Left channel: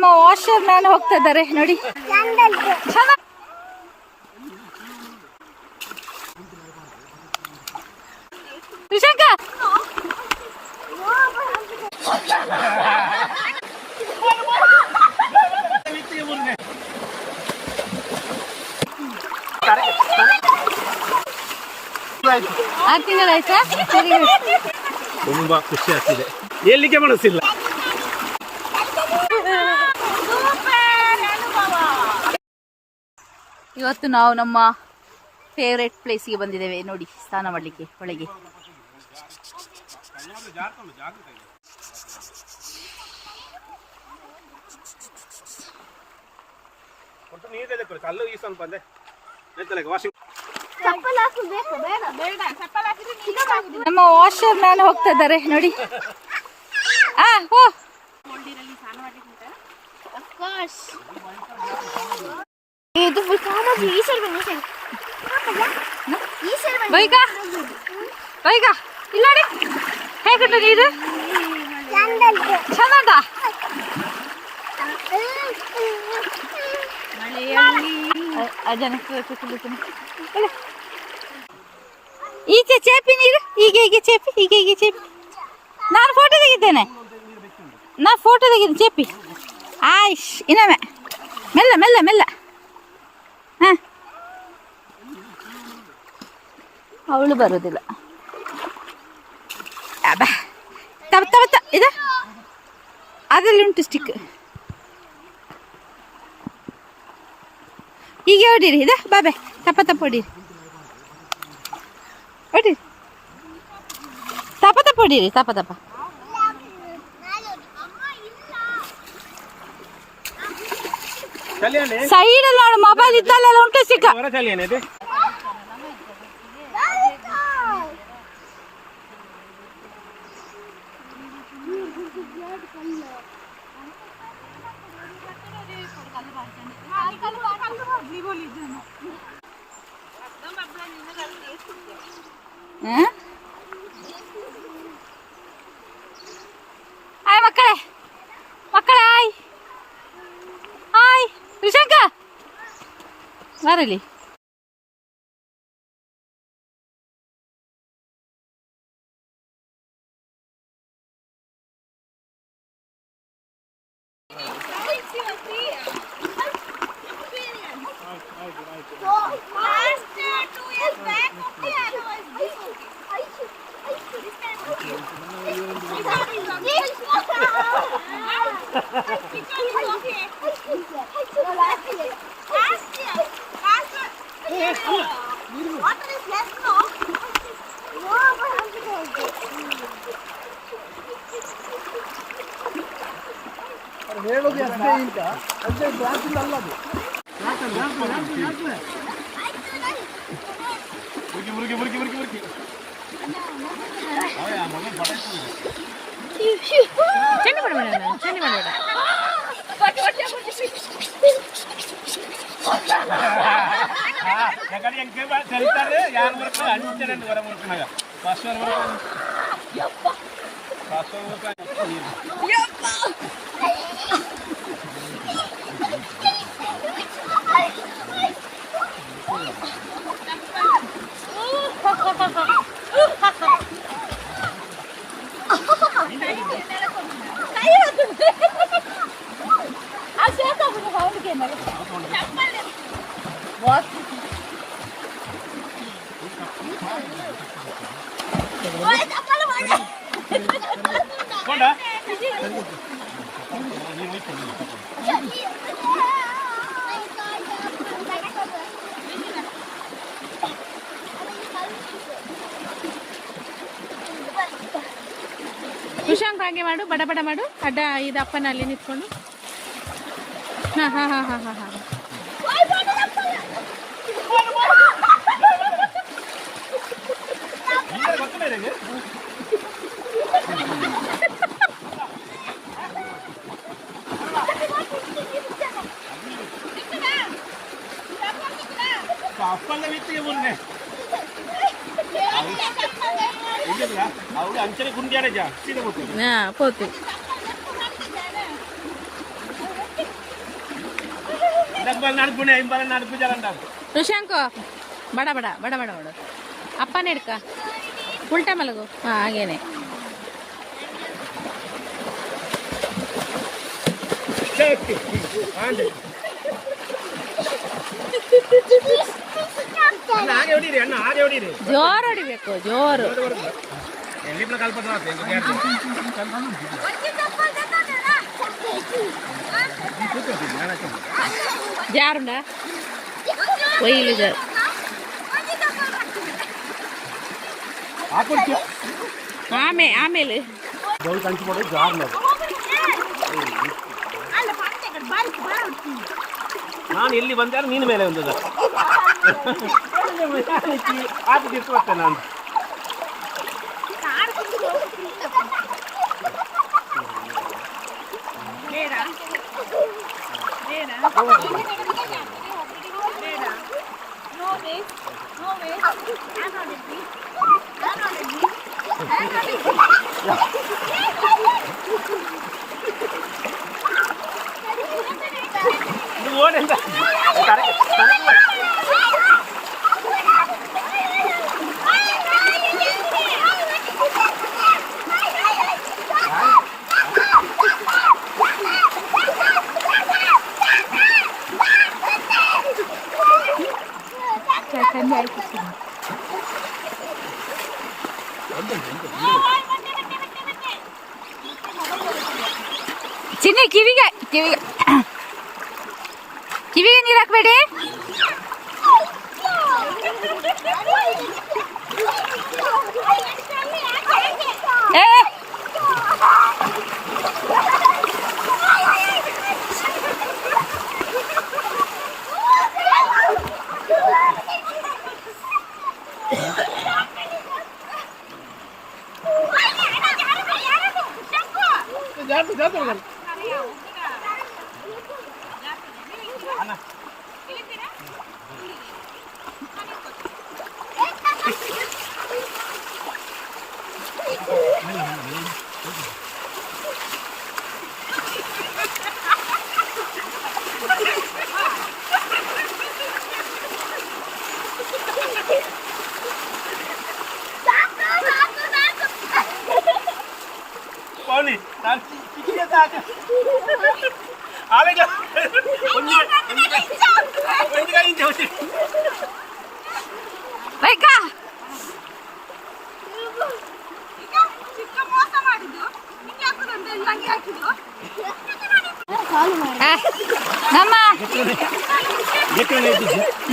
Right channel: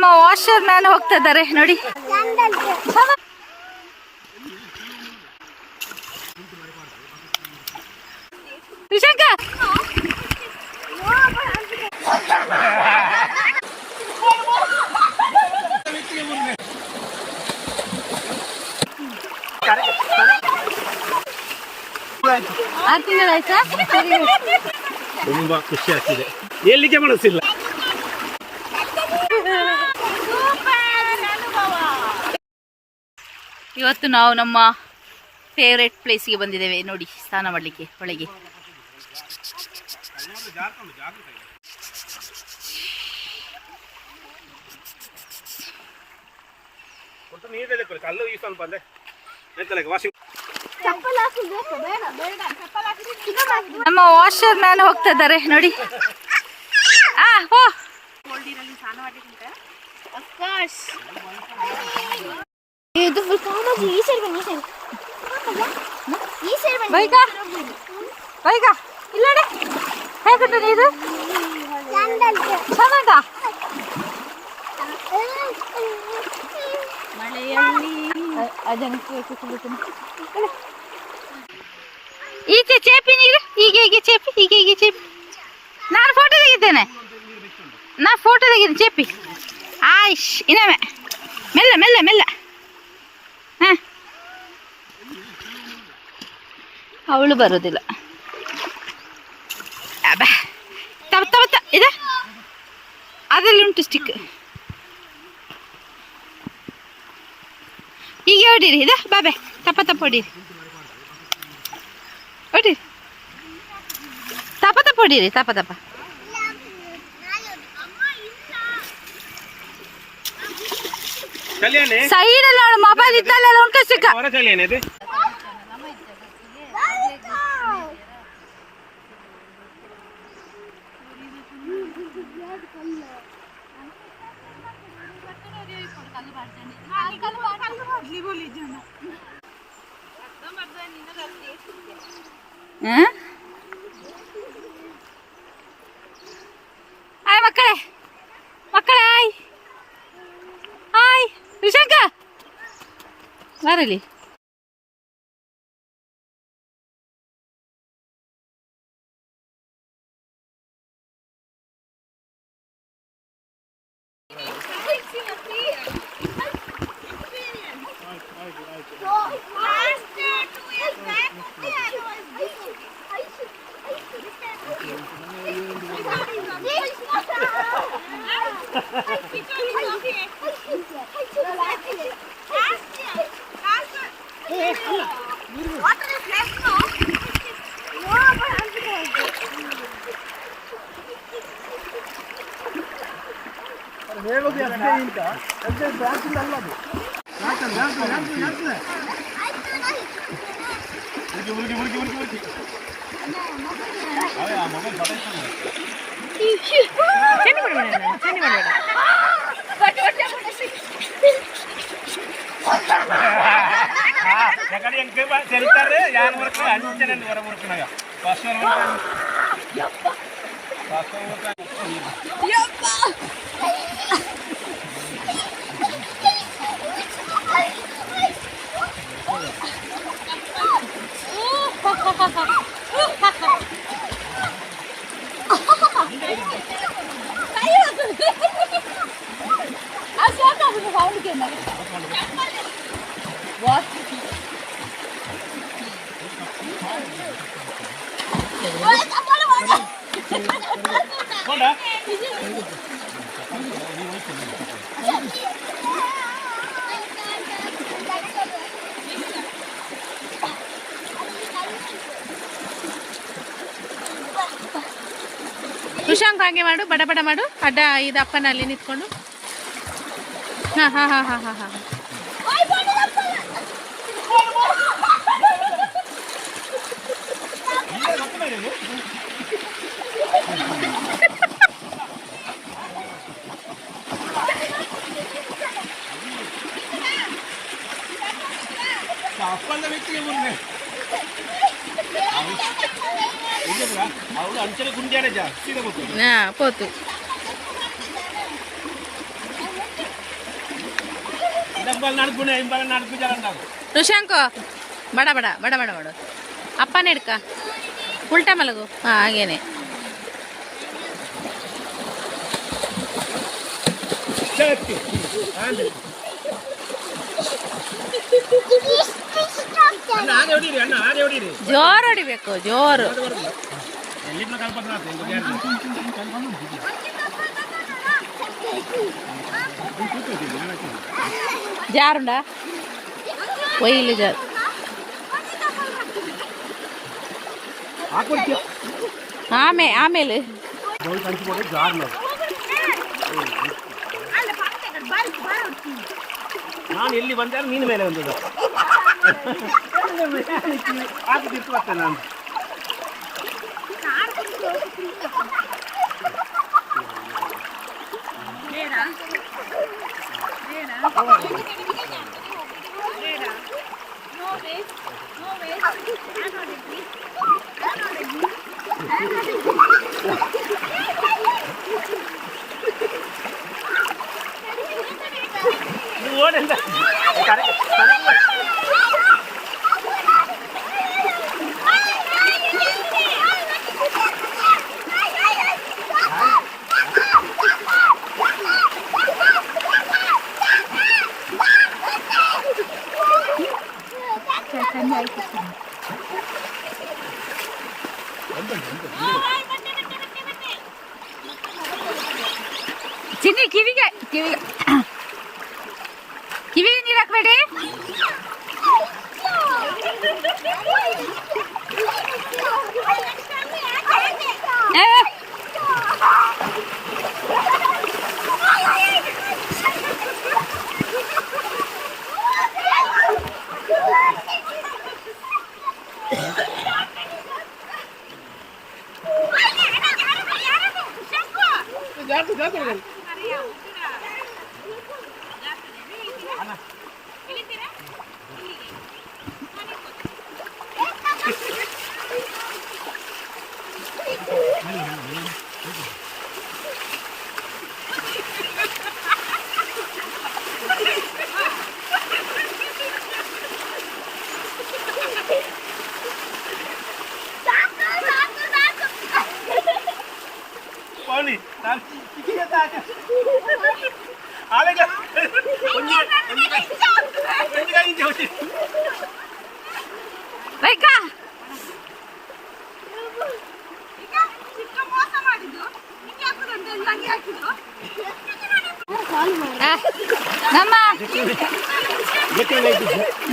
ನಮ್ಮ washer man ಹೋಗ್ತಾ ಇದ್ದಾರೆ ನೋಡಿ. ವಿಶಾಖ ಆರು ತಿಂಗಳಾಯ್ತಾ? ತುಂಬಾ ಖುಷಿ ಆಗ್ತಿದೆ, ಎಲ್ಲಿಗೆ ಮನಸ್ಸಿಲ್ಲ. ಇವತ್ತು ನಾವು ನಮ್ಮ ಫೇವ್ರೆಟ್ ಪ್ಲೇಸ್ಗೆ ಬಂದಿದ್ದೇವೆ ನೋಡಿ, ಸ್ನಾನ ಮಾಡಲಿಕ್ಕೆ ಒಳಗೆ. ನಮ್ಮ ವಾಷರ್ ಮ್ಯಾನ್ ಹೋಗ್ತಾ ಇದ್ದಾರೆ ನೋಡಿ. ಓ ಬೈಗ ಇಲ್ಲ ಹೇಗುಂಟು ನೀರು? ಚಂದ ಮಳೆಯಲ್ಲಿ ಈಚೆ ಚೇಪಿ ನೀರು, ಹೀಗೆ ಚೇಪಿ, ಹೀಗೆ ಚೇಪಿ. ನಾನು ಫೋಟೋ ತೆಗಿದ್ದೇನೆ, ಚೇಪಿ. ಆಯ್ಷ್ ಇನ್ನೊಮ್ಮೆ ಮೆಲ್ಲ ಮೆಲ್ಲ ಮೆಲ್ಲ. ಅವಳು ಬರೋದಿಲ್ಲ. ಇದೆ ಅದರಲ್ಲಿ ಉಂಟು ಸ್ಟಿಕ್. ಹೀಗೆ ಹೊಡೀರಿ, ಇದೆ ಬಾಬೆ ತಪ್ಪ ಹೊಡೀರಿ, ಹೊಡೀರಿ ತಪ್ಪ. ಸೈಡಲ್ಲಿ ನೋಡು, ಮೊಬೈಲ್ ಇದ್ದಲ್ಲೆಲ್ಲ ಉಂಟು ಸ್ಟಿಕ್. ಆಯ್ ಮಕ್ಕಳೇ ಆಯ್ ವಿಶಾಖ ಬರಲಿ. ಕುಶಾಂಕ್ ಹಾಗೆ ಮಾಡು, ಬಡ ಬಡ ಮಾಡು. ಅಡ್ಡ ಇದು ಅಪ್ಪನ ಅಲ್ಲಿ ನಿಂತ್ಕೊಂಡು. ಹಾ ಅಪ್ಪಲ್ಲ ವ್ಯಕ್ತಿಗೆ ಬಂದೆ ಅವಳು ಅಂಚನೆ ಗುಂಡಿಯಾಡೆ ಜಾಸ್ತಿ పోతు ಋಷಾಂಕು ಬಡ ಬಡ ಬಡ ಬಡ ಬಡ ಅಪ್ಪನೇ ಹಿಡ್ಕ ಉಲ್ಟಾ ಮಲಗು ಹಾಂ ಹಾಗೇನೆ ಜೋರು ಹೊಡಿಬೇಕು ಜೋರು ಜಾರುಂಡ ಒಯ್ಲಿ ಜಾರು ಆಮೇಲೆ ನಾನು ಎಲ್ಲಿ ಬಂದಾರ ನೀನು ಮೇಲೆ ಬಂದದ ನಾನು ಓಡಂತ ಚಿನ್ನಿ ಕಿವಿಗೆ ನೀರು ಹಾಕ್ಬೇಡಿ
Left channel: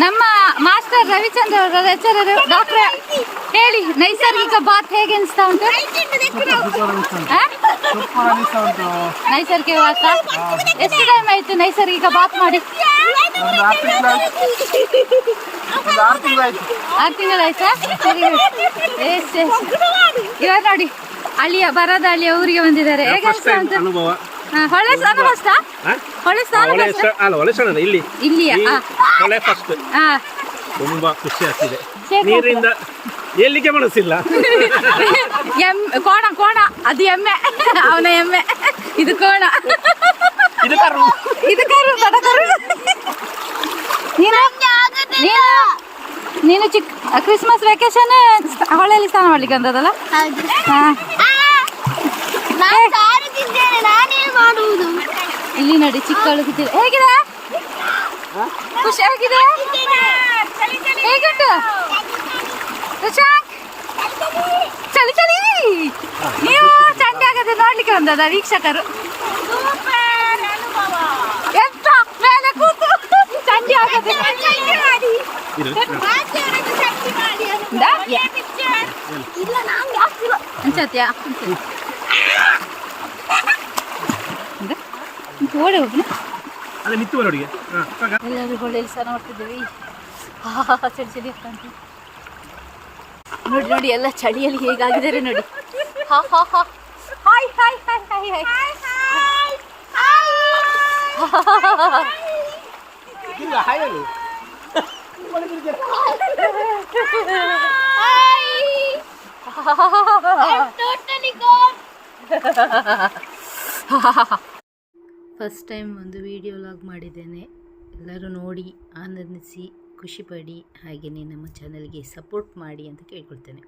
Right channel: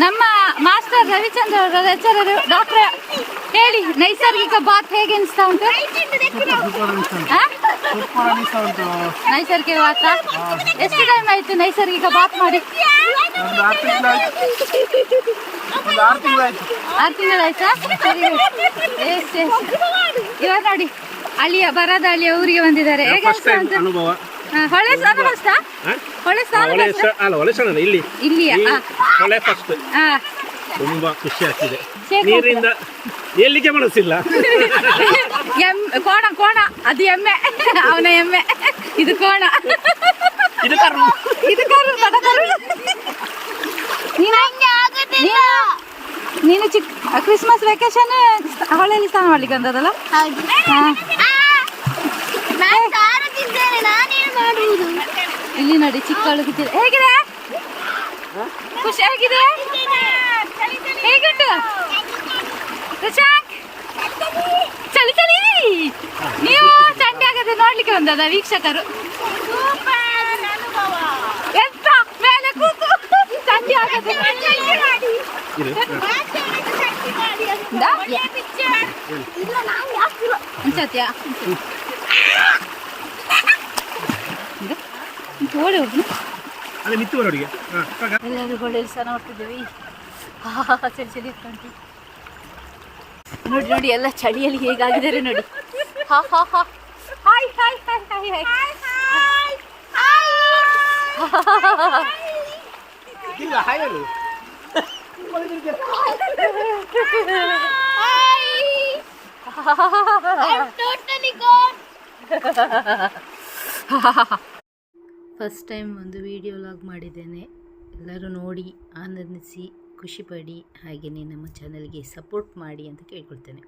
ನಮ್ಮ ಮಾಸ್ಟರ್ ರವಿಚಂದ್ರ ಅವರ ಲೆಕ್ಚರರ್ ಡಾಕ್ಟರ್ ಹೇಳಿ ನೈಸರ್ಗಿಕ ಬಾತ್ ಹೇಗೆ ಅನಿಸ್ತಾ ಉಂಟು? ನೈಸರ್ಗಿಕ ಬಾತ್ ಎಷ್ಟು ಟೈಮ್ ಆಯ್ತು ನೈಸರ್ಗಿಕ ಬಾತ್ ಮಾಡಿ? 6 ತಿಂಗಳಾಯ್ತಾ? ಇವಾಗ ನೋಡಿ ಅಳಿಯ ಬರದ ಅಳಿಯ ಊರಿಗೆ ಬಂದಿದ್ದಾರೆ. ಹೇಗೆ ಅನಿಸ್ತಾ ಉಂಟು? ಹೊಳೆ ಸ್ನಾನ ಫಸ್ಟ್? ಹೊಳೆ ಸ್ನಾನ ಇಲ್ಲಿ ಇಲ್ಲಿಯಾ? ಹೊಳೆ ಫಸ್ಟ್. ತುಂಬಾ ಖುಷಿ ಆಗ್ತಿದೆ. ನೀರಿಂದ ಎಲ್ಲಿಗೆ ಮನಸ್ಸಿಲ್ಲ. ಕೋಣ ಕೋಣ ಅದು ಎಮ್ಮೆ, ಅವನ ಎಮ್ಮೆ. ಇದು ಕೋಣ, ಇದು ಕರು. ನೀನು ಕ್ರಿಸ್ಮಸ್ ವೆಕೇಶನ್ ಹೊಳೆಯಲ್ಲಿ ಸ್ನಾನ ಮಾಡ್ಲಿಕ್ಕೆ ಅಂತದಲ್ಲ? ಇಲ್ಲಿ ನೋಡಿ ಚಿಕ್ಕವಳು ಕಿತ್ತಿದೆ. ಹೇಗಿದೆ? ಖುಷಿ ಆಗಿದೆ? ಹೇಗುಂಟು ಋಷಾಂಕ್? ಚಳಿ ಚಳಿ. ನೀವು ಚಂಡಿ ಆಗದೆ ನೋಡ್ಲಿಕ್ಕೆ ಬಂದದ ವೀಕ್ಷಕರು? ಎಂತ ಮೇಲೆ ಕೂತು ಚಂಡಿ ಆಗದೆ ಅನ್ಸತ್ಯಾ? ಓಡಿ ಹೋಗ್ನ ಎಲ್ಲರೂ ಹೊಳೆಯಲ್ಲಿ ಸ್ನಾನ ಮಾಡ್ತಿದ್ದೇವೆ. ಚಳಿ ಚಳಿ ಆಗ್ತಂತೆ ನೋಡಿ ನೋಡಿ, ಎಲ್ಲ ಚಳಿಯಲ್ಲಿ ಹೇಗಾಗಿದ್ದಾರೆ ನೋಡಿ. ಹಾ ಹಾ ಹಾ hi hi hi hi first time ಒಂದು ವಿಡಿಯೋ ಲಾಗ್ ಮಾಡಿದ್ದೇನೆ. ಎಲ್ಲರೂ ನೋಡಿ ಆನಂದಿಸಿ ಖುಷಿಪಡಿ, ಹಾಗೆಯೇ ನಮ್ಮ ಚಾನಲ್ಗೆ ಸಪೋರ್ಟ್ ಮಾಡಿ ಅಂತ ಕೇಳ್ಕೊಳ್ತೇನೆ.